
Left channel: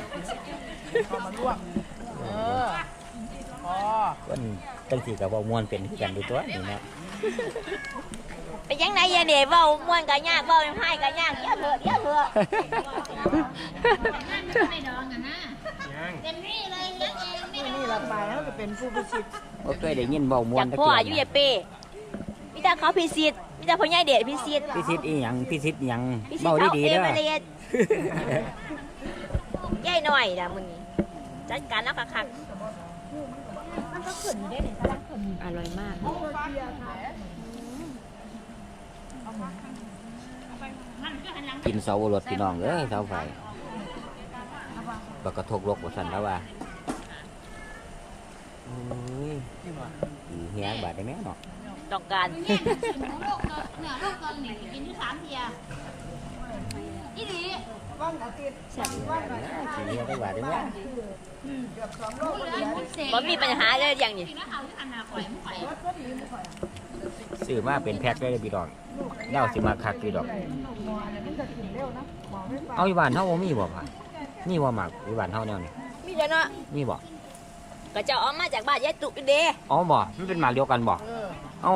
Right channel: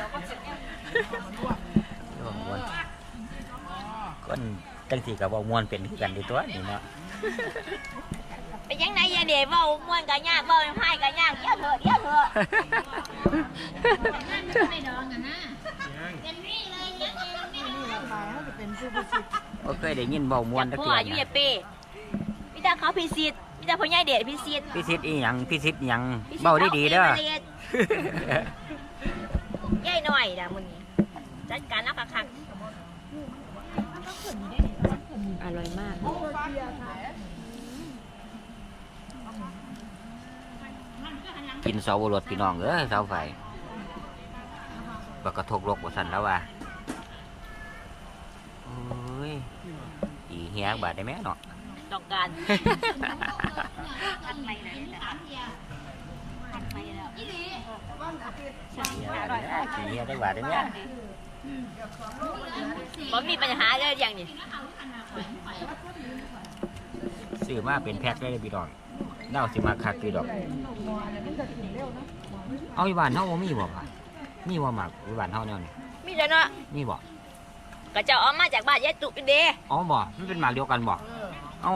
[SPEAKER 3] นจังซี่ก็บ่ม่วนเป็นคือกันอยู่ตัวนี่เนาะ
[SPEAKER 1] ไปยังไงยายเดี๋ยวเว้าม่วนก็ยากเว้าให้ก็ยากเดี๋ยวเถอะเดี๋ยวเถอะ
[SPEAKER 2] ไม่ดองอะนะเต็มที่เลยเลี้ยงเองไม่ดอง
[SPEAKER 4] นี่ละไปเขาจะเป็นผู้ประสิทธิ์
[SPEAKER 3] บ่เคยได้ยินเว้าม่วน
[SPEAKER 1] จาก
[SPEAKER 3] จัก
[SPEAKER 1] พ่อ
[SPEAKER 3] เทื่อ
[SPEAKER 1] อายุ
[SPEAKER 3] เนี่ย
[SPEAKER 1] ยายเป้มีแต่เขาพิสิทธิ์มีแต่พ่อใหญ่เดชพิสิทธิ์
[SPEAKER 3] พิสิทธิ์อีหยังพิสิทธิ์หยัง
[SPEAKER 1] พิสิทธิ์
[SPEAKER 3] เว้าดีๆเด้อา
[SPEAKER 1] เอมารียนยายหน่อยนะมื้อนี้จัดการแล้วคักๆมันก็ขึ้นอยู่ได้นี่กำลังขึ้นอร่อยมาก
[SPEAKER 3] กินเสาวรถพี่น้องเอ้ยเสาไฟบักกระทกลกบ่สั่นแล้วว่าโอ้ยอีเฮียบาดได้แม่เนาะ
[SPEAKER 1] ต้องการ
[SPEAKER 2] กินที่สามเทียอีหลี
[SPEAKER 3] ขี้เฮียได้บาดได้แม่
[SPEAKER 1] บ่มีปัญหาเลยอย่างนี้
[SPEAKER 2] แล้วเอาที่อนาคตไป
[SPEAKER 3] ซื้อมาเป็นแพ็คได้เลยพี่น้องเน่าสิมาคักพี่ดอก เอาอีบ้านเฮาบ่มีบ่พ่ะมีบ่หมักอีบ้านเฮาแนวนี้
[SPEAKER 1] มีแล้วเนาะ
[SPEAKER 3] มีบ่
[SPEAKER 1] ก็เจะเอามาจากบ้านยายตุกเด้
[SPEAKER 3] อ๋อบ่มันเป็นหมากเดียวกันบ่
[SPEAKER 4] เออ
[SPEAKER 3] เอ้า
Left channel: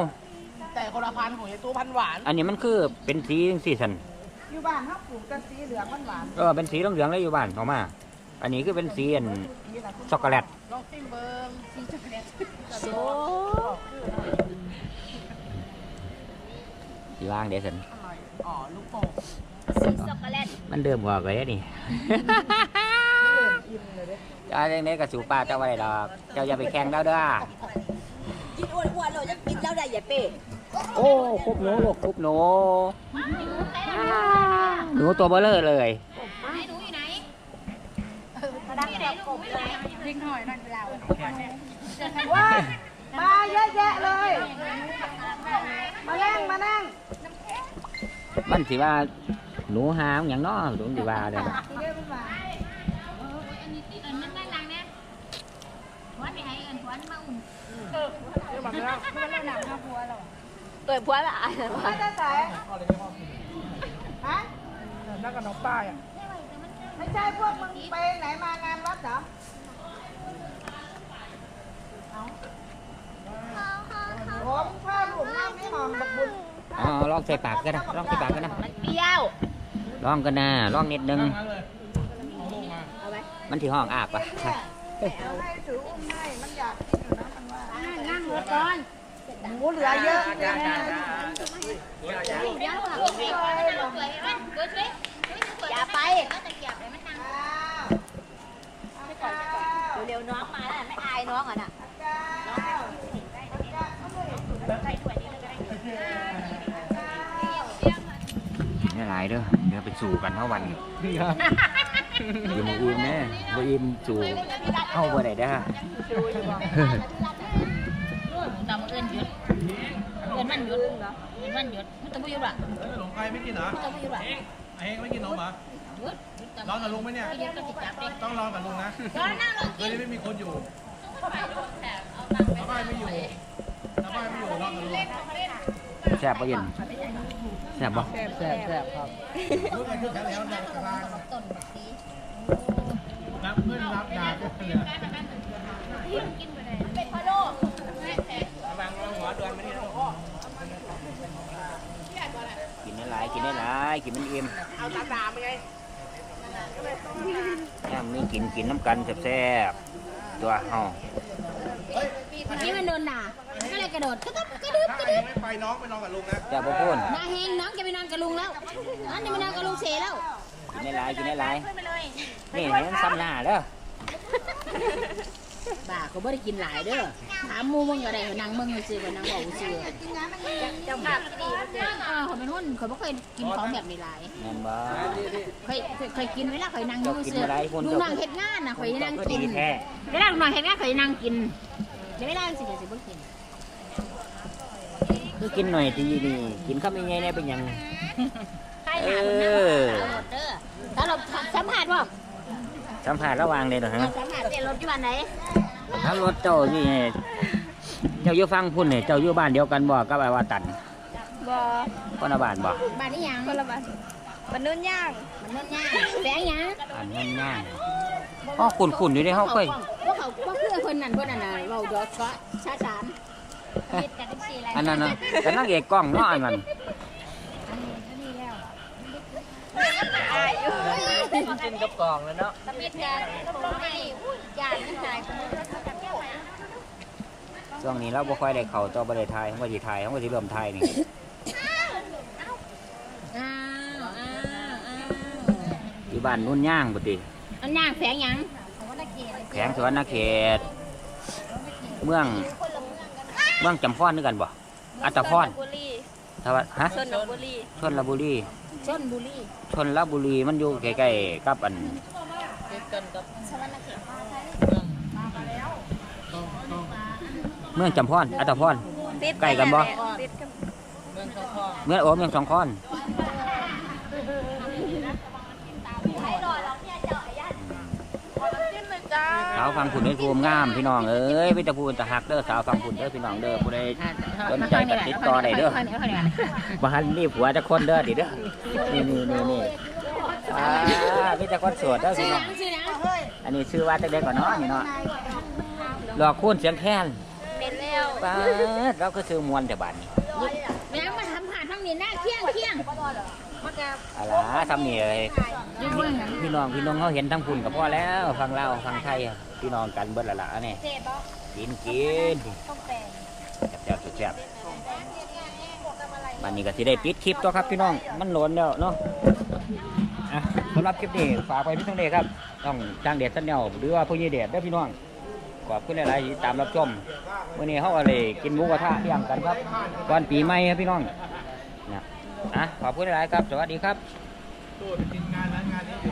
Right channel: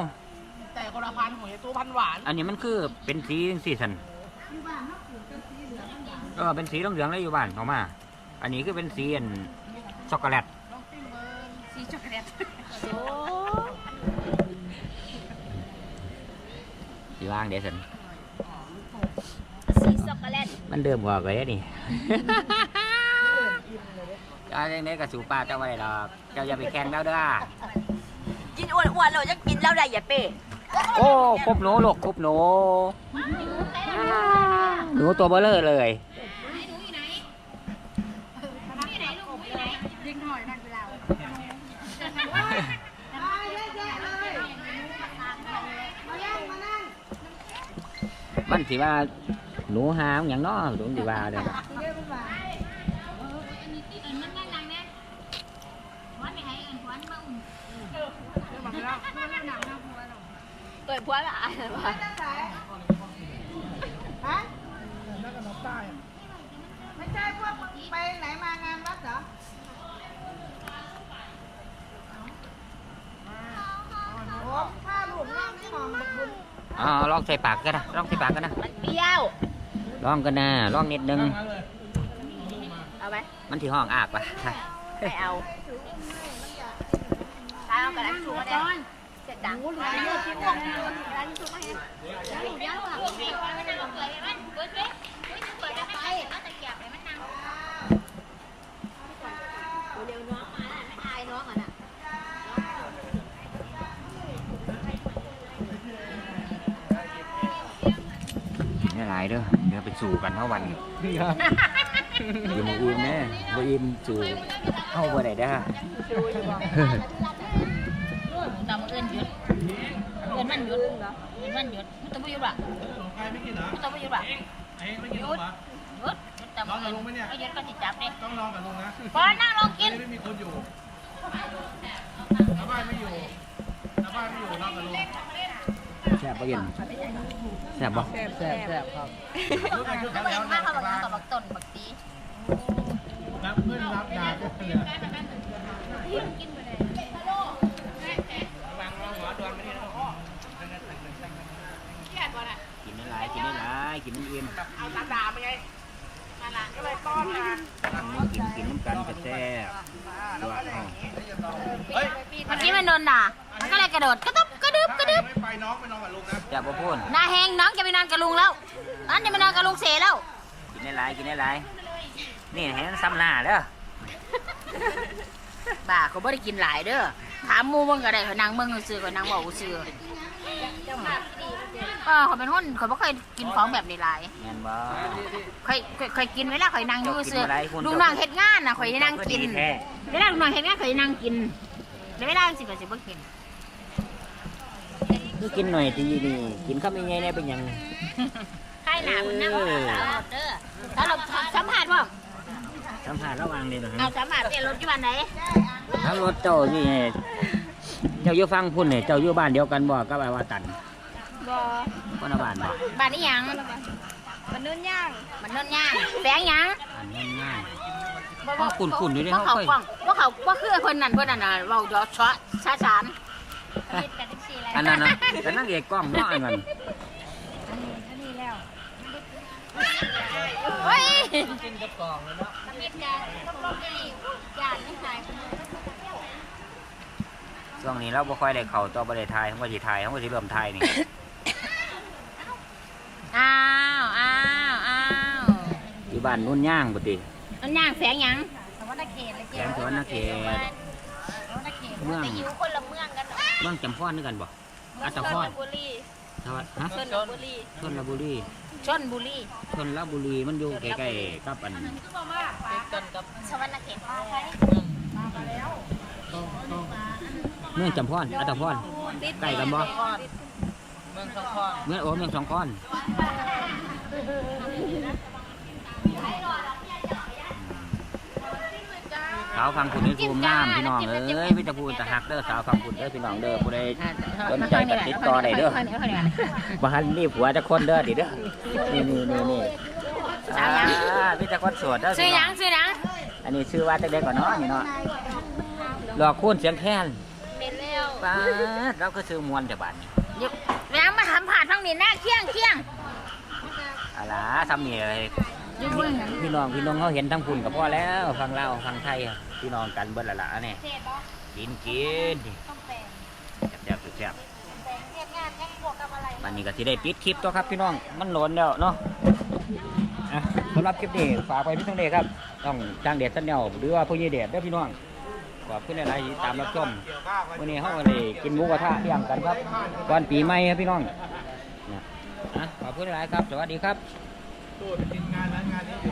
[SPEAKER 4] แต่คนละพันธุ์ของยายตู้พันธุ์หวาน
[SPEAKER 3] อันนี้มันคือเป็นสีจังซี่ซั่น
[SPEAKER 4] อยู่บ้านเขาปลูกกันสีเหลืองมันหวาน
[SPEAKER 3] เออเป็นสีเหลืองๆเลยอยู่บ้านออกมา อันนี้คือเป็นสีอันช็อกโกแลต
[SPEAKER 4] ลองจิ้มเบิ้ง
[SPEAKER 1] โซ
[SPEAKER 3] สิวางเดี๋ยวสัน
[SPEAKER 1] สีช็อกโกแลต
[SPEAKER 3] มันเดิมกว่าเลยนี่เจ้าเรื่องนี้กับสูป้าเจ้าไว้ดอกเจ้าอย่าไปแข่งแล้วเด้อ
[SPEAKER 1] กินอ้วนๆเราจะกินแล้วได้อย่าเป้
[SPEAKER 3] โอ้คุบหนูลูกคุบหนูหนูตัวเบลเลอร์เลย
[SPEAKER 4] มาเยอะแยะเลยมานั่งมานั่ง
[SPEAKER 3] มันสิว่าหนูหามอย่างน้อหนูสิว่าเด้อ
[SPEAKER 4] ผมข้าวหลุมน้ำไม่หอมบักบุญ
[SPEAKER 3] อ๋อลองใส่ปากกันนะลองใส่ปากกันนะ
[SPEAKER 1] มันเปรี้ยว
[SPEAKER 3] ลองกันนะลองนิดนึง
[SPEAKER 5] นั่นเลย
[SPEAKER 1] เอาไหม
[SPEAKER 3] มันที่ห้องอากปะ
[SPEAKER 1] ไม่เอา
[SPEAKER 4] ให้ถืออุ้มให้มันอยากกินอยู่นะมันว่า
[SPEAKER 1] ตามกันนั่งหัวก่อน
[SPEAKER 4] หมูเหลือเยอะจัง
[SPEAKER 1] อย่าไปเร็วๆน้องมาแล้วไม่อายน้องอะน่ะ
[SPEAKER 3] นี่หลายเด้อเดี๋ยวไปสู่กันเท่าวัน
[SPEAKER 5] นี่ครับ
[SPEAKER 3] อยู่หมาอิ่มแน่บ่อิ่มสู่เข้าบ่ได้เด้อ
[SPEAKER 2] ตามเอื้อนหยุดเอื้อนมันหยุดเอื้อนมันหยุดมันต้องไม่หยุดอะ
[SPEAKER 5] แล้วขนมไก่ไม่กินเหรอ
[SPEAKER 2] มันต้องไม่หยุดอะ
[SPEAKER 5] เองเองไม่กินนมเหรอ
[SPEAKER 2] หยุดหยุดตาม
[SPEAKER 5] ร้อนกับลุงไหมเนี่ย
[SPEAKER 2] ไม่หยุดก็จะจับเลย
[SPEAKER 5] ต้องรอกับลุงนะ
[SPEAKER 2] พอนั่งลอง
[SPEAKER 5] เฮ้
[SPEAKER 2] กิ
[SPEAKER 5] ย
[SPEAKER 2] น
[SPEAKER 5] ไม่มีคนอยู่น้าบ้านไม่อยู่น้าบ้านไม่อยู่รอกับลุง
[SPEAKER 3] แซ่บบ่เย็นแซ่บบ่
[SPEAKER 5] แซ่บแซ่บครับรู้กันคือแถวแถว
[SPEAKER 2] ถ้า
[SPEAKER 5] นะ
[SPEAKER 2] เขา
[SPEAKER 5] ก
[SPEAKER 2] บอ
[SPEAKER 5] ลากง
[SPEAKER 2] กับบักต้นบักซี
[SPEAKER 5] รับเพื่อนรับดาบกันเลย
[SPEAKER 3] กินได้หลายกินได้หลายกินมันอิ่ม
[SPEAKER 4] เอาตาดาไปไงก็เลยต้อนมา
[SPEAKER 3] ย่างนี้กินกินน้ำกันแซ่บๆตัวเฮา
[SPEAKER 5] เฮ้ย
[SPEAKER 2] นี่มันโดนด่ามันก็เลยกระโดดกระต๊บกระดึบก
[SPEAKER 5] ถ้า
[SPEAKER 2] ระ
[SPEAKER 5] เอ
[SPEAKER 2] ดึ
[SPEAKER 5] ง
[SPEAKER 2] บ
[SPEAKER 5] ไม่ไปน้องไปนอนกับลุงนะ
[SPEAKER 3] แซ่บบ่พูน
[SPEAKER 2] หน้าแหงน้องจะไปนอนกับลุงแล้วอันจะไปนอนกับลุงเสแล้ว
[SPEAKER 3] กินได้หลายกินได้หลายนี่เห็นซ้ำหน้าเด้อ
[SPEAKER 2] บ้าเขาไม่ได้กินหลายเด้อถามหมูมึงก็ได้เขานางมึงซื้อกับนางบอกซื้อ
[SPEAKER 1] เจ้าภาพที่ดีมันเจอ
[SPEAKER 2] อ๋อเขาเป็นหุ้นเขาไม่เคยกินของแบบนี้หลาย
[SPEAKER 3] แม่นบ่
[SPEAKER 2] เคยเคยเคยกินเวลาเคยนั่งอยู่
[SPEAKER 3] เจ้ากิน
[SPEAKER 2] ซื้อ
[SPEAKER 3] บ่ได้คุณ
[SPEAKER 2] ลุงนั่งเฮ็ดงานน่ะเคยนั่ง
[SPEAKER 3] ก็
[SPEAKER 2] กิ
[SPEAKER 3] ดี
[SPEAKER 2] น
[SPEAKER 3] แท้
[SPEAKER 2] เวลาลุงนั่งเฮ็ดงานเคยนั่งกินแต่เวลาสิก็สิบ่กิน
[SPEAKER 3] คือกินหน่อยดีนี่กินข้าวยังไงเนี่ยเป็นหยัง
[SPEAKER 2] ใครหนาคนนั่ง
[SPEAKER 3] เออ
[SPEAKER 2] สาวรถเด้อสาวรถสัมผัสบ่
[SPEAKER 3] สัมผัสระหว่างเลยเหรอฮะ
[SPEAKER 2] เอาสัมผัสเปลี่ยนรถอยู่บ้านไหน
[SPEAKER 3] ถ้ารถเจ้านี่เจ้าอยู่ฟังพุ่นเนี่ยเจ้าอยู่บ้านเดียวกันบ่กับไอ้ว่าตัน
[SPEAKER 1] บ่
[SPEAKER 3] คนละบ้านบ่
[SPEAKER 2] บ้านนี้หยัง
[SPEAKER 1] คนละบ้านมันนุ่นย่าง
[SPEAKER 2] มันนนย่างแสงหยัง
[SPEAKER 3] อันนั้นง่ายอ๋อขุ่นๆอยู่ในห้อง
[SPEAKER 2] เขา
[SPEAKER 3] ค่อย
[SPEAKER 2] กล้องว่าเขาว่าคือเพิ่นนั่นเพิ่นนั่นน่ะเว้าดอชะชาสาน
[SPEAKER 3] อันนั้นน่ะแต่นั่งเอกกล้องเนาะอันนั้น
[SPEAKER 2] เฮ้ย
[SPEAKER 3] กินกับกล่องแล้วเนาะ
[SPEAKER 2] ตะมิดกันกับรถไปนี่อุ้ยยานไม่ตายคุณ
[SPEAKER 3] ช่วงนี้เราบ่ค่อยได้เข้าต่อบ่ได้ทายเขาก็สิทายเขาก็สิเริ่มทายนี่
[SPEAKER 2] อ้าวอ้าวอ้าว
[SPEAKER 3] อยู่บ้านนุ่นย่างบ่ติ
[SPEAKER 2] มันย่างแสงหยัง
[SPEAKER 3] แขวงสวรรณเขต เมือง
[SPEAKER 1] คนละเมืองกัน
[SPEAKER 3] เมืองจำพรคือกันบ่อัตตพร
[SPEAKER 1] บุรี
[SPEAKER 3] ทวัดฮะ
[SPEAKER 1] ชนบุรี
[SPEAKER 3] ชนลบุรี
[SPEAKER 2] ชนบุรี
[SPEAKER 3] ชนลบุรีมันอยู่ใกล้ๆกับอัน
[SPEAKER 2] สวรรณเขต
[SPEAKER 3] เมืองจำพรอัตตพรใกล้กันบ่
[SPEAKER 1] ติดกัน
[SPEAKER 3] เมืองโอ้เมืองสองคอน สาวฟังผุนนี่ทูมงามพี่น้องเอ้ยพี่ตะพูนตะหักเด้อสาวฟังผุนเด้อพี่น้องเด้อผู้ใดสนใจก็ติดต่อได้เด้อบ้านนี่ผัวจะคนเด้อดิเด้อนี่นี่นี่นี่อ่าพี่ตะคนโสวดเด้อ
[SPEAKER 2] ซื้อ
[SPEAKER 3] พี่
[SPEAKER 2] ห
[SPEAKER 3] น้
[SPEAKER 2] ยั
[SPEAKER 3] อง
[SPEAKER 2] งซื้อหยัง
[SPEAKER 3] อันนี้ชื่อว่าจักเด็กก่อนเนาะนี่เนาะหลอกคูนเสียงแค้น
[SPEAKER 1] เป็นแล้ว
[SPEAKER 3] ป้าดเราก็ซื้อมวนแต่บัดนี้
[SPEAKER 2] แล้วมาทำผ่านทั้งนี้หน้าเคียงเคียง
[SPEAKER 3] อะไรทำนี่เลย
[SPEAKER 2] อยังเบิ่ง
[SPEAKER 3] พี่น้องพี่น้องเขาเห็นทั้งพุ่นกับพ่อแล้วฟังเล่าวฟังไทยอะพี่น้องกันเบิดละละนี่
[SPEAKER 1] เจ็บบ่
[SPEAKER 3] กินกิน
[SPEAKER 1] ต้องแต่ง
[SPEAKER 3] แซ่บแซ่บแซ่บ
[SPEAKER 1] แต่งเฮ็ดงานแน่บวกกับอะไร
[SPEAKER 3] วันนี้ก็สิได้ปิดคลิปตัวครับพี่น้องมันโหลนแล้วเนาะอะสำหรับคลิปนี้ฝากไปพี่ต้องเดชครับ ต้องจ้างเดชสันแนวหรือว่าผู้ยี่เดชเด้อพี่น้องขอบคุณหลายๆที่ตามรับชมวันนี้เขาก็เลยกินหมูกระทะเที่ยงกันครับก่อนปีใหม่ครับพี่น้อง ขอบคุณหลายครับ สวัสดีครับ
[SPEAKER 5] ตัวเป็นงานนั้นงานนี้